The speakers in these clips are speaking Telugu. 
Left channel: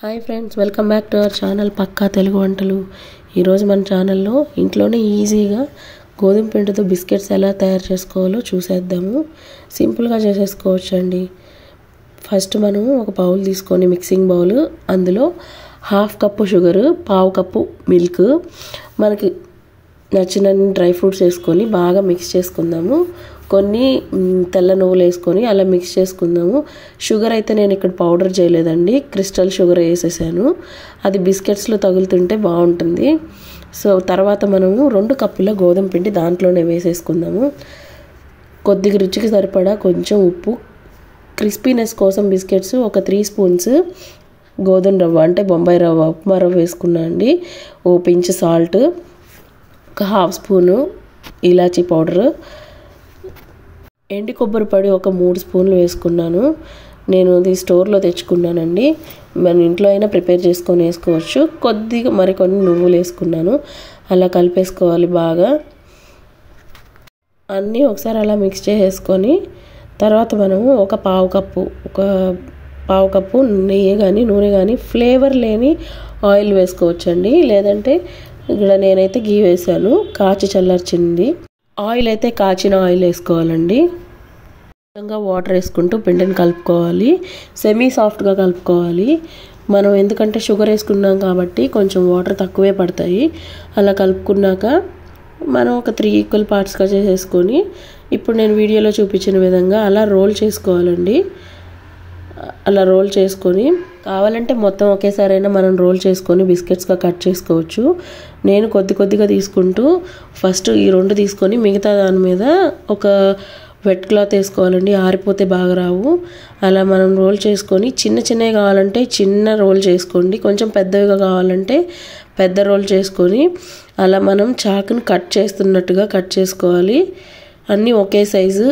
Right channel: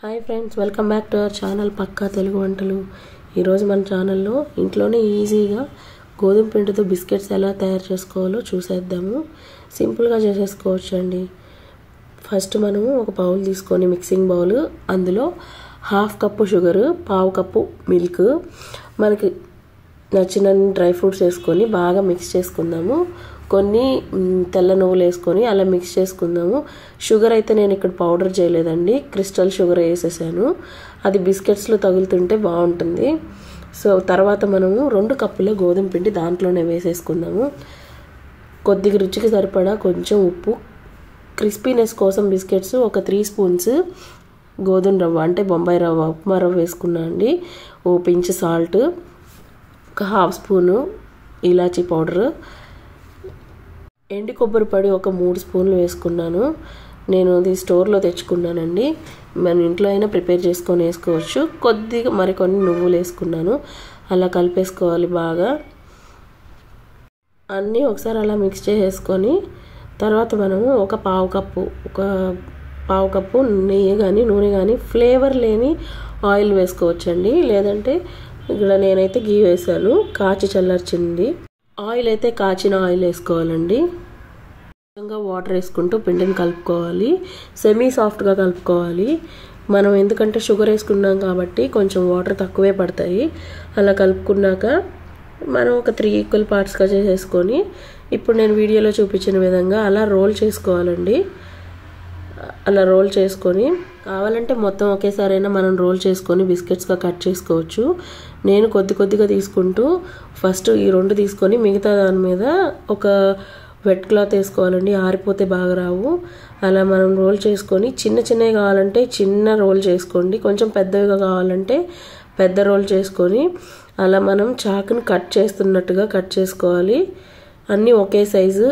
Hi friends, welcome back to our channel పక్కా తెలుగు వంటలు. ఈరోజు మన ఛానల్లో ఇంట్లోనే ఈజీగా గోధుమ పిండితో బిస్కెట్స్ ఎలా తయారు చేసుకోవాలో చూసేద్దాము. సింపుల్గా చేసేసుకోవచ్చు అండి. ఫస్ట్ మనం ఒక బౌల్ తీసుకొని మిక్సింగ్ బౌల్, అందులో 1/2 కప్పు షుగరు, 1/2 కప్పు మిల్క్, మనకి నచ్చిన డ్రై ఫ్రూట్స్ వేసుకొని బాగా మిక్స్ చేసుకుందాము. కొన్ని తెల్ల నువ్వులు వేసుకొని అలా మిక్స్ చేసుకుందాము. షుగర్ అయితే నేను ఇక్కడ పౌడర్ చేయలేదండి, క్రిస్టల్ షుగర్ వేసేసాను. అది బిస్కెట్స్లో తగులుతుంటే బాగుంటుంది. సో తర్వాత మనము 2 కప్పుల గోధుమ పిండి దాంట్లోనే వేసేసుకుందాము. కొద్దిగా రుచికి సరిపడా కొంచెం ఉప్పు, క్రిస్పీనెస్ కోసం బిస్కెట్స్ ఒక 3 స్పూన్స్ గోధుమ రవ్వ అంటే బొంబాయి రవ్వ, ఉప్మా రవ్వ వేసుకున్నా అండి. ఓ పించ్ సాల్ట్, ఒక 1/2 స్పూను ఇలాచీ పౌడరు, ఎండి కొబ్బరి పొడి ఒక 3 స్పూన్లు వేసుకున్నాను. నేను ఇది స్టోర్లో తెచ్చుకున్నానండి, మన ఇంట్లో అయినా ప్రిపేర్ చేసుకొని వేసుకోవచ్చు. కొద్దిగా మరికొన్ని నువ్వులు వేసుకున్నాను. అలా కలిపేసుకోవాలి బాగా. అన్నీ ఒకసారి అలా మిక్స్ చేసేసుకొని తర్వాత మనము ఒక 1/2 కప్పు నెయ్యి కానీ నూనె కానీ ఫ్లేవర్ లేని ఆయిల్ వేసుకోవచ్చండి. లేదంటే ఇక్కడ నేనైతే గీ వేసాను, కాచి చల్లార్చింది. ఆయిల్ అయితే కాచిన ఆయిల్ వేసుకోవాలండి. వాటర్ వేసుకుంటూ పిండిని కలుపుకోవాలి. సెమీ సాఫ్ట్గా కలుపుకోవాలి. మనం ఎందుకంటే షుగర్ వేసుకున్నాం కాబట్టి కొంచెం వాటర్ తక్కువే పడతాయి. అలా కలుపుకున్నాక మనం ఒక 3 ఈక్వల్ పార్ట్స్గా చేసేసుకొని ఇప్పుడు నేను వీడియోలో చూపించిన విధంగా అలా రోల్ చేసుకోవాలండి. అలా రోల్ చేసుకొని కావాలంటే మొత్తం ఒకేసారైనా మనం రోల్ చేసుకొని బిస్కెట్స్గా కట్ చేసుకోవచ్చు. నేను కొద్దిగా తీసుకుంటూ ఫస్ట్ ఈ 2 తీసుకొని మిగతా దాని మీద ఒక వెట్ క్లాత్ వేసుకోవాలండి. ఆరిపోతే బాగా రావు. అలా మనం రోల్ చేసుకొని చిన్నవి కావాలంటే చిన్న రోల్ చేసుకోండి, కొంచెం పెద్దవిగా కావాలంటే పెద్ద రోల్ చేసుకొని అలా మనం చాకుని కట్ చేస్తున్నట్టుగా కట్ చేసుకోవాలి. అన్నీ ఒకే సైజు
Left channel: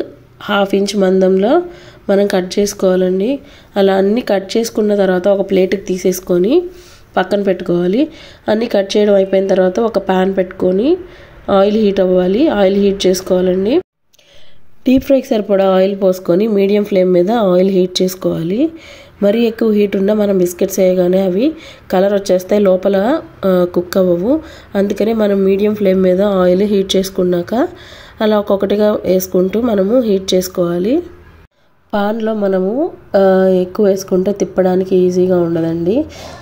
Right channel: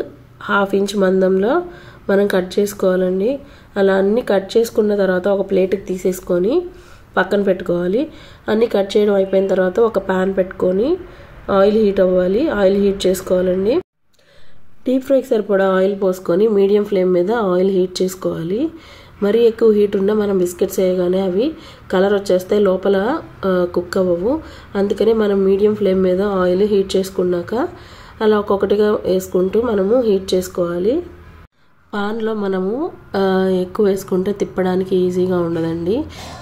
1/2 ఇంచ్ మందంలో మనం కట్ చేసుకోవాలండి. అలా అన్నీ కట్ చేసుకున్న తర్వాత ఒక ప్లేట్కి తీసేసుకొని పక్కన పెట్టుకోవాలి. అన్నీ కట్ చేయడం అయిపోయిన తర్వాత ఒక ప్యాన్ పెట్టుకొని ఆయిల్ హీట్ అవ్వాలి. ఆయిల్ హీట్ చేసుకోవాలండి. డీప్ ఫ్రైకి సరిపడా ఆయిల్ పోసుకొని మీడియం ఫ్లేమ్ మీద ఆయిల్ హీట్ చేసుకోవాలి. మరీ ఎక్కువ హీట్ ఉన్నా మనం బిస్కెట్స్ వేయగానే అవి కలర్ వచ్చేస్తాయి, లోపల కుక్ అవ్వవు. అందుకనే మనం మీడియం ఫ్లేమ్ మీద ఆయిల్ హీట్ చేసుకున్నాక అలా ఒక్కొక్కటిగా వేసుకుంటూ మనము హీట్ చేసుకోవాలి. పాన్లో మనము ఎక్కువ వేసుకుంటే తిప్పడానికి ఈజీగా ఉండదండి.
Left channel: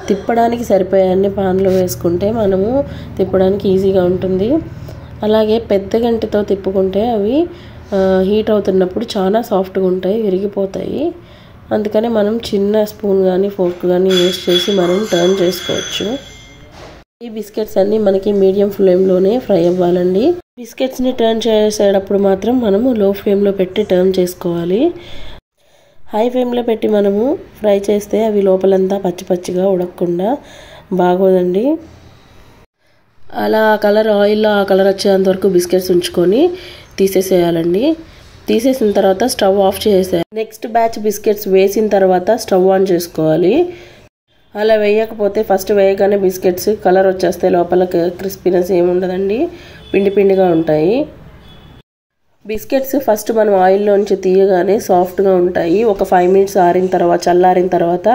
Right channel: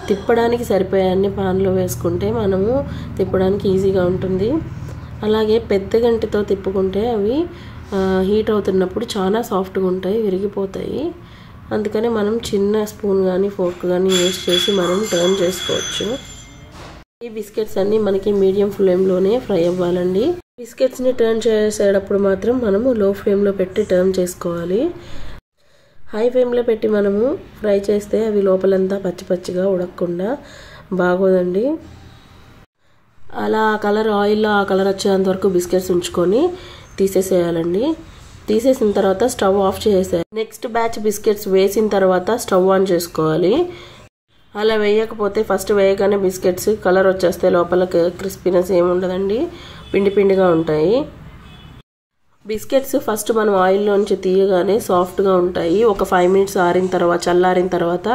తిప్పడానికి సరిపోయాన్ని పాన్లో వేసుకుంటే మనము తిప్పడానికి ఈజీగా ఉంటుంది. అలాగే పెద్ద గంటతో తిప్పుకుంటే అవి హీట్ అవుతున్నప్పుడు చాలా సాఫ్ట్గా ఉంటాయి, విరిగిపోతాయి. అందుకనే మనం చిన్న స్పూన్ కానీ ఫోర్క్ కానీ యూస్ చేసి మనం టర్న్ చేసుకోవచ్చు. ఈ బిస్కెట్స్ అన్నీ మనకి మీడియం ఫ్లేమ్లోనే ఫ్రై అవ్వాలండి. బిస్కెట్స్ని టర్న్ చేసేటప్పుడు మాత్రం మనము లో ఫ్లేమ్లో పెట్టి టర్న్ చేసుకోవాలి. హై ఫ్లేమ్లో పెట్టి మనము ఫ్రై చేస్తే అవి లోపలంతా పచ్చిగా ఉడకకుండా బాగోదండి. అలా కలర్ ఆయిల్లో ఆ కలర్ వచ్చేంత వరకు బిస్కెట్స్ ఉంచుకొని తీసేసేయాలండి. తీసేసిన తర్వాత స్టవ్ ఆఫ్ చేసేయాలి. నెక్స్ట్ బ్యాచ్ బిస్కెట్స్ వేసిన తర్వాత స్టవ్ ఆన్ చేసుకోవాలి. అలా వేయకపోతే ఫస్ట్ వేయగానే బిస్కెట్స్ కలర్ వచ్చేస్తే లోపల క్రిస్పీనెస్ ఏముండదండి, పిండిగా ఉంటాయి. బిస్కెట్స్ ఫస్ట్ మనం ఆయిల్లోంచి తీయగానే సాఫ్ట్గా ఉంటాయి. ఒక 5 మినిట్స్ చల్లారిన తర్వాత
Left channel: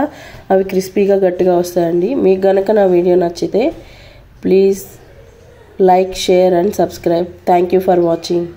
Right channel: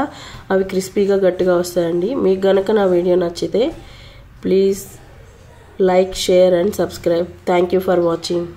అవి క్రిస్పీగా గట్టిగా వస్తాయండి. మీకు గనక నా వీడియో నచ్చితే please like, share and subscribe. Thank you for watching.